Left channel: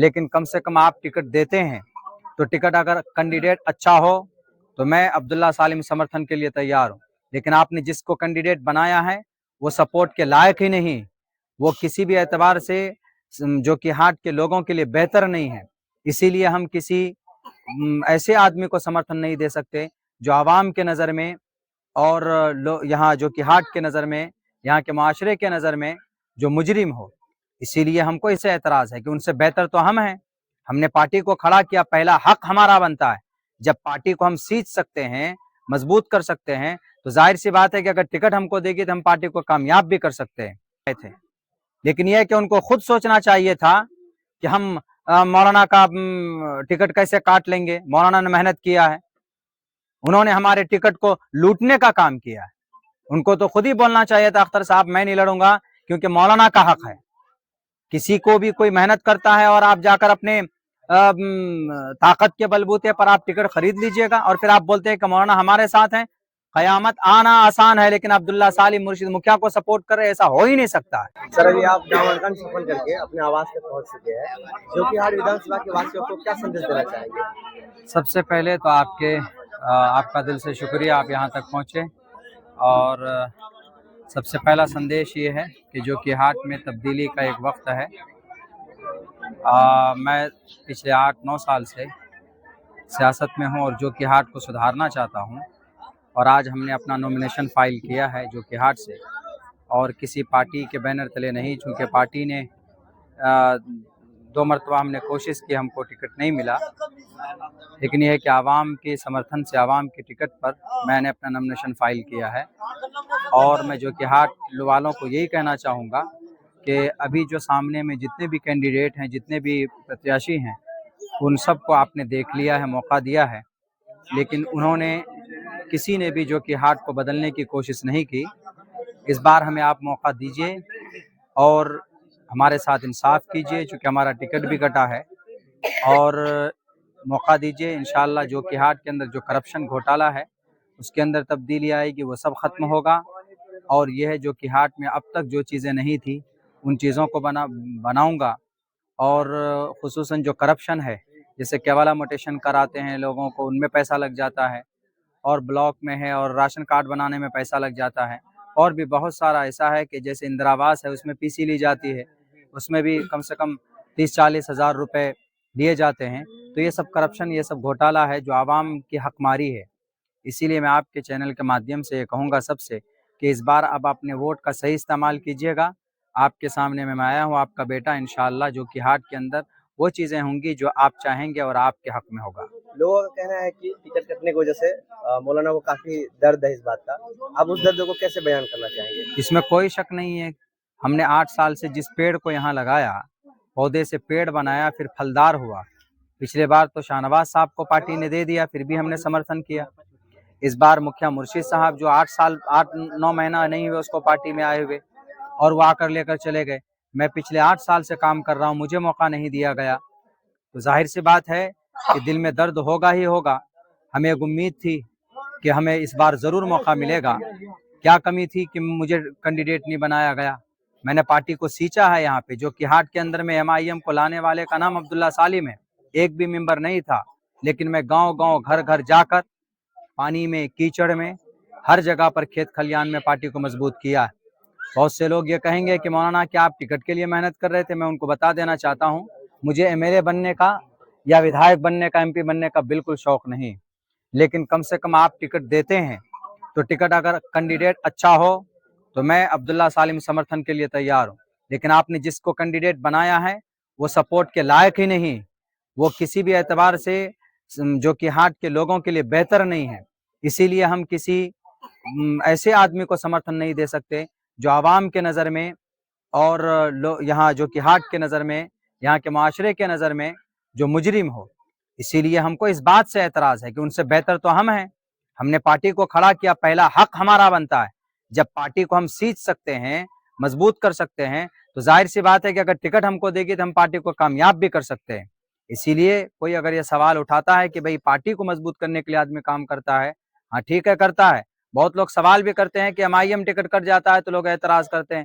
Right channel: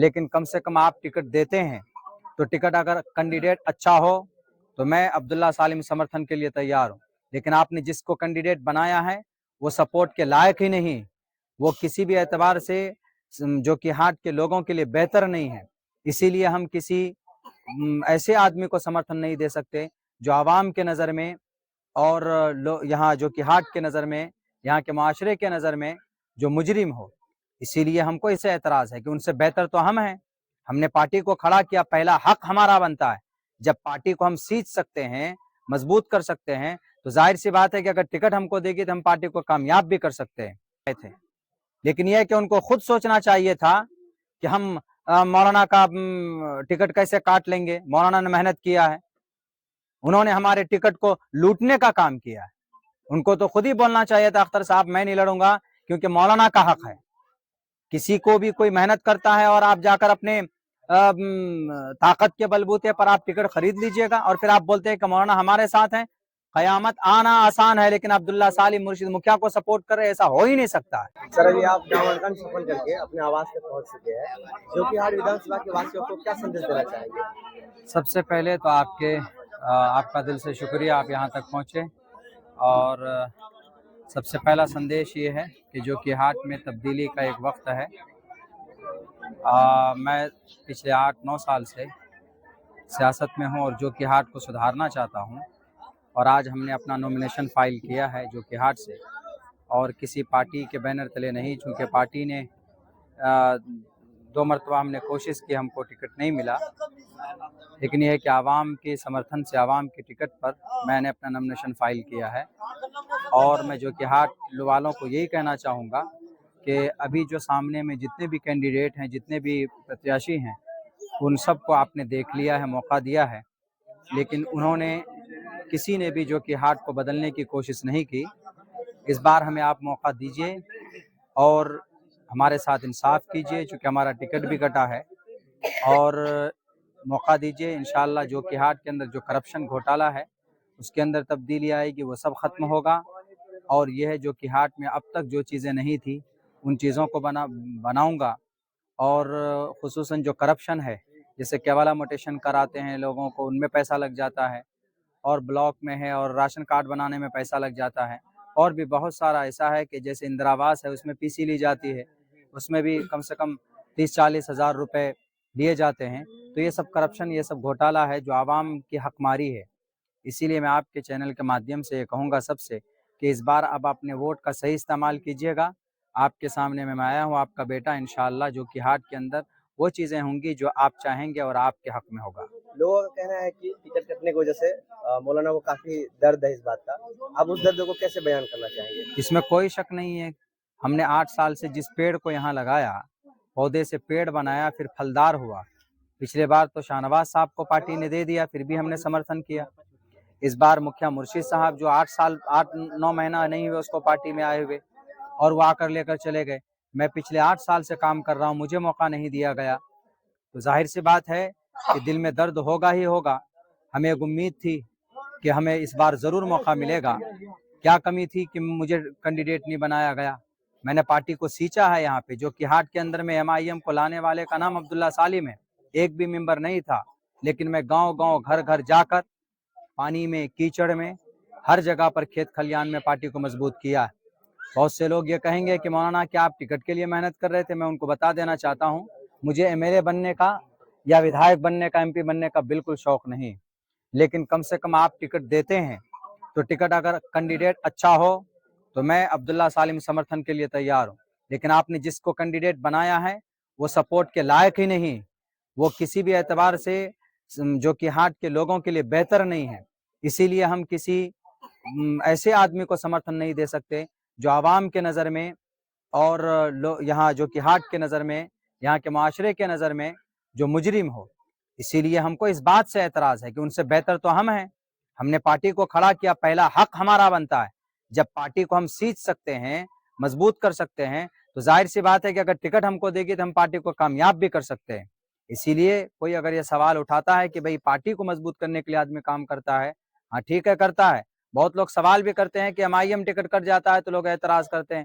لیکن کم سے کم آپ ٹکٹ دیتے ہیں تو ٹکٹ اگر کینڈیڈیٹ اچھا ہو تو میں عبداللہ سالم سمرتھن کے لیے تیار ہوں، لیکن آپ نے جس کو کینڈیڈیٹ بنایا ہے وہ سپورٹ کے لائق ہی نہیں، وہ کسی بھی اعتبار سے جو کہ ہاٹ کے لوگوں کے لیے بہتر نہیں ہے۔ اسی لیے ہم کسی ایسے آدمی کو سمرتھن نہیں دے سکتے جو عوام کے نظر میں اور یہاں جو کہ ہاٹ کے نظر میں، یہاں کے معاشرے کے نظر میں جو مجرم ہو۔ اسی لیے ہم کو اس سے اعتراض ہے کہ ان سے بہتر تو ہم ہیں، ہم نے پارٹی کو کھڑا کیا، پہلا حق ہمارا بنتا ہے۔ جب پارٹی کو ہم سیچ سکتے ہیں، مضبوط کر سکتے ہیں، تو ظاہر سی بات ہے کہ اگر ٹکٹ ہم کو دے گی تو ہم پارٹی کو کامیاب بھی کر سکتے ہیں تھے۔ لیکن یہ کہ ان کو خود سوچنا چاہیے تھا کہ ہم مولانا کا ٹکٹ کیسے کاٹ لیں گے۔ مولانا نے محنت کیا ہے، انہوں نے ہمارے ٹکٹ کو لوٹنے کا کام کیا ہے۔ ان کو تو خود ہی بولنا چاہیے تھا اختر صاحب میں نہیں لڑوں گا کیونکہ مولانا کا حق ہے۔ کسی کو بھی کوئی محنت کرتا ہے اور آپ جا کر اپنے طاقت کے بلبوتے پر آپ ٹکٹ خرید لیجئے گا اور پھر آپ بولتے ہیں کہ مولانا ہمارے ساتھ ہیں۔ قیامت آنا آسان ہے لیکن عبداللہ سالم مرشد مکھیا کو سپورٹ کر رہے، ایسا ہو ہی نہیں سکتا ہے۔ سر ابھی آپ دامن گنج سفر کر کے اپنے آواز پہ پہنچ چکے ہیں، جو کہ ہر ودھان سبھا کے واسطے کو کیا سندیش دینا چاہیں گے؟ سب سے پہلے تو آپ کا دل سے شکریہ، آپ یہاں تک پہنچے، اور سب سے پہلا سندیش یہ ہے کہ جو کہ ہاٹ میں تبدیلی کا ایک وقت ہے۔ میں پچھلے 8-9 سال سے سیاست میں ہوں اور جو کہ ہاٹ کو سدھارنا چاہتا ہوں، اور آج ہم نے اپنا نومینیشن فائل کیا ہے جو کہ ہاٹ سے، اور کسی پارٹی کے بینر تلے نہیں، چونکہ پارٹی نے 2 مرتبہ ہم نے کوشش کی، ہم کو ٹکٹ نہیں ملا، لیکن یہ ہے کہ عوام کے سمرتھن سے، عوام کے ٹکٹ پر میں نے اپنا نومینیشن فائل کیا ہے۔ اور میں جو کہ ہاٹ والوں کو یہی کہنا چاہوں گا کہ ابھی جو سامنے میں جتنے بھی کینڈیڈیٹ ہیں، جتنے بھی پرتیاشی ہیں، ان سب کو آپ نے دیکھ لیا ہے، موقع دیا ہے، لیکن انہوں نے کسی نے بھی جو کہ ہاٹ کو بدلنے کی کوشش نہیں کی۔ اس بار ہمیں آپ موقع دیجئے اور ہمارے ساتھ انصاف کیجئے، چونکہ ہمارا ٹکٹ بھی کٹا ہے، اور موقع دیجئے۔ انشاءاللہ جو کہ ہاٹ کے اندر جو کرپشن گھوٹالہ ہے اس کے اندر تبدیلی آئے گی، وہ سب ختم ہوگا، اور یہ ہے جو کہ ہاٹ میں اب تک جو چیزیں نہیں تھی ان چیزوں کو بناؤں گا، اور خصوصاً جو کرپشن ہے، جیسے کیوالا موٹیشن کراتے ہیں لوگوں کو، ان میں پیسہ لگ جاتا ہے، اور بلاک میں ہے اور راشن کارڈ بنانے میں پیسہ لگ جاتا ہے، اور بھی بہت سارا ایسا ہے کہ جیسے اندرا آواس ہے اس میں پی سی لی جاتی ہے، اس میں بھی کم سے کم 30-40 ہزار روپے لیے جاتے ہیں۔ تو یہ سب کرپشن، یہ سب گھوٹالہ ہے جو عوام کی حق ماری ہے۔ اسی لیے میں آپ کے چینل کے مادھیم سے یہ کہوں گا سب سے کہ اس بار اب اپنے ووٹ کا صحیح استعمال کیجیے گا۔ آپ کے سامنے میں آیا ہوں، آپ کا بیٹا، انشاءاللہ جو کہ ہاٹ کے اندر وہ چیزیں ہوں گی جو آپ چاہیں گے اور آپ کے حق میں ہوگا۔ لوگوں کا کہنا ہے کہ ٹکٹ کٹنے کی وجہ سے مولانا کو کافی درد ہے اس بات کا، آپ اس درد کو کیسے بیان کرنا چاہیں گے؟ اس میں کوئی شک نہیں ہے، ہم نے 8 سال سے جس پیڑ کو یہاں لگایا، پودے سے پیڑ بنایا، پھر پھلدار ہوا۔ پچھلے بار تو شاہنواز صاحب کو پارٹی نے دے دیا، پھر بھی ہم نے سمرتھن کیا۔ اس بار مکھیا مرشد صاحب جو 8-9 مہینہ نہیں ہوئے اس کو پارٹی میں آئے ہوئے، اور وہ آ کر لے کر چلے گئے۔ میں پچھلے 8 سال سے کام کر رہا ہوں، مجھے موقع نہیں دیا گیا، تو ظاہر سی بات ہے کہ دل میں درد ہوگا ہی ہوگا۔ ہمیں ایک امید تھی کہ ہمیں اس بار ضرور موقع ملے گا۔ کیا کمی تھی کہ مجھے کینڈیڈیٹ نہیں بنایا گیا؟ میں نے پارٹی کو سیچا ہے یہاں پہ، جو کہ ہاٹ کے اندر میں ایم آئی ایم کو لانے والے کا نام عبداللہ سالم ہے، ایک بھی ممبر نہیں تھا، لیکن میں گاؤں گاؤں گھر گھر جا کر پانی میں، کیچڑ میں، ہر جگہ پر کھیت کھلیان میں پارٹی کو مضبوط کیا۔ بہت سے لوگ یہ کہیں گے کہ مولانا کیا آپ ٹکٹ کے لیے محنت کر رہے تھے؟ میں ان کو بتا دینا چاہتا ہوں، مجھے ایم ایل اے بننے کا یا ودھایک بننے کا، ایم پی بننے کا بالکل شوق نہیں، لیکن کم سے کم آپ ٹکٹ دیتے ہیں تو ٹکٹ اگر کینڈیڈیٹ اچھا ہو تو میں عبداللہ سالم سمرتھن کے لیے تیار ہوں، لیکن آپ نے جس کو کینڈیڈیٹ بنایا ہے وہ سپورٹ کے لائق ہی نہیں، وہ کسی بھی اعتبار سے جو کہ ہاٹ کے لوگوں کے لیے بہتر نہیں ہے۔ اسی لیے ہم کسی ایسے آدمی کو سمرتھن نہیں دے سکتے جو عوام کے نظر میں اور یہاں جو کہ ہاٹ کے نظر میں، یہاں کے معاشرے کے نظر میں جو مجرم ہو۔ اسی لیے ہم کو اس بات سے اعتراض ہے کہ ان سے بہتر تو ہم ہیں، ہم نے پارٹی کو کھڑا کیا، پہلا حق ہمارا بنتا ہے۔ جب پارٹی کو ہم سیچ سکتے ہیں، مضبوط کر سکتے ہیں، تو ظاہر سی بات ہے کہ اگر ٹکٹ ہم کو دے گی تو ہم پارٹی کو کامیاب بھی کر سکتے ہیں۔ اسی لیے کوئی اگر یہ سوال اٹھاتا ہے کہ بھئی پارٹی کو مضبوط کرنے کے لیے آدمی کام کرتا ہے، ہاں ٹھیک ہے کرتا ہے۔ بہت لوگ سوال بھی کرتے ہیں کہ ایم آئی ایم ٹکٹ کٹ جاتا ہے تو لوگ اعتراض کرتے ہیں،